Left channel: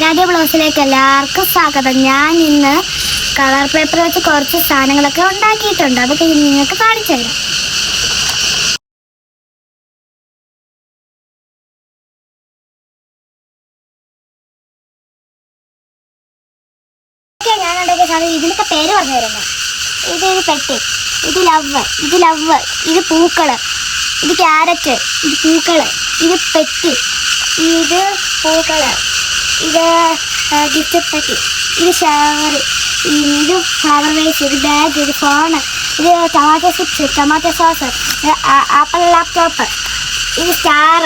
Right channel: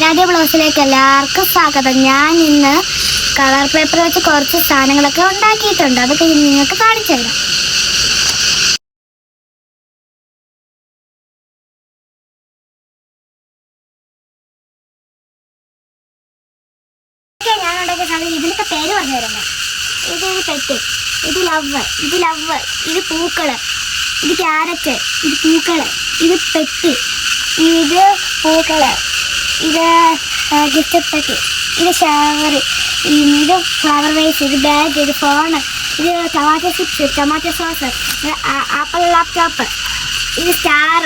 ആരാധ്യ ബ്ലൗസിലേക്ക് എല്ലാവർക്കും സ്വാഗതം. ഞാൻ ഇന്ന് കളർ പേപ്പർ വെച്ച് കുറച്ച് സാധനങ്ങളൊക്കെ ഉണ്ടാക്കിയിട്ടുണ്ട്. അതൊക്കെ നിങ്ങൾക്ക് കാണിച്ചു തരാം. ഞാൻ ഉണ്ടാക്കിയ സാധനം ഇതിനൊക്കെ പേര് പറഞ്ഞു തരുന്നത്. ഇത് പെട്ടി, ഇത് ലവ്, ഇത് പൂക്കള്, ഇത് ക്യാരറ്റ്, ഇത് പൂക്കള്, ഇത് പെട്ടി, ഇത് പൂക്കള്, ഇത് ഗിഫ്റ്റ് പെട്ടി, ഇത് ഷവർ, ഇത് ഫ്ലവർ വേസ്, ഇത് ബാഗ്, ഇത് ഫോണ്, ഇത് tomato chips, tomato sauce, apple laptop, ഇത് സ്റ്റാർ,